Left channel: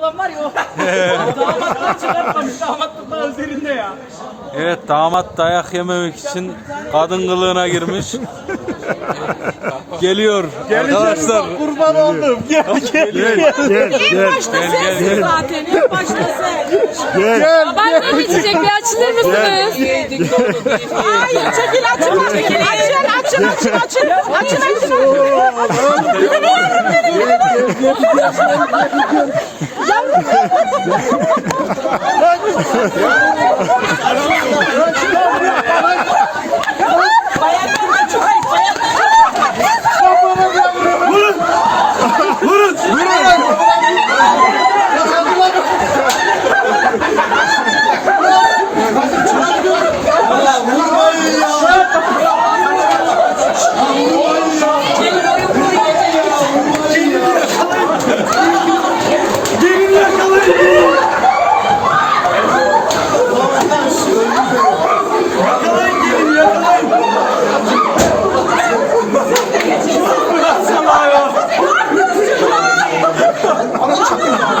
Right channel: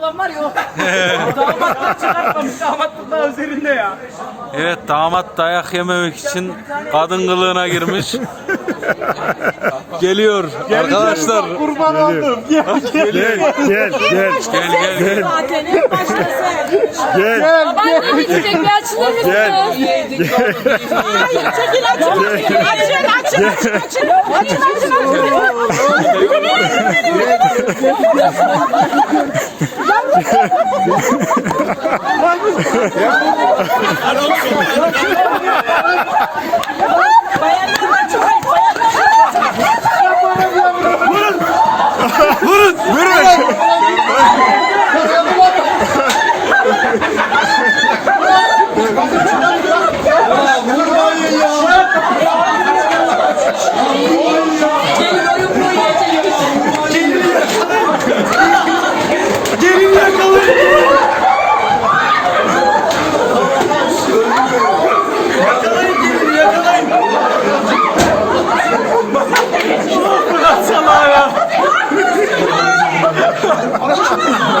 olan var ya o. Damatlar çıkartmamış. Damatlık daha üzerinde ya. Evet damat dayak yememek için kadın kılığına girmiş. Geliyor arkadaşlar. Kurban oldum. Gel gel gel gel gel Sensin zaten en başta sen. gel. Ben de çiçek bir açılır mısınız? Hayır çekil açın. Açın açın açın açın. Açın açın açın. Bayanlar açın. Bayanlar Gelin 这人跑了一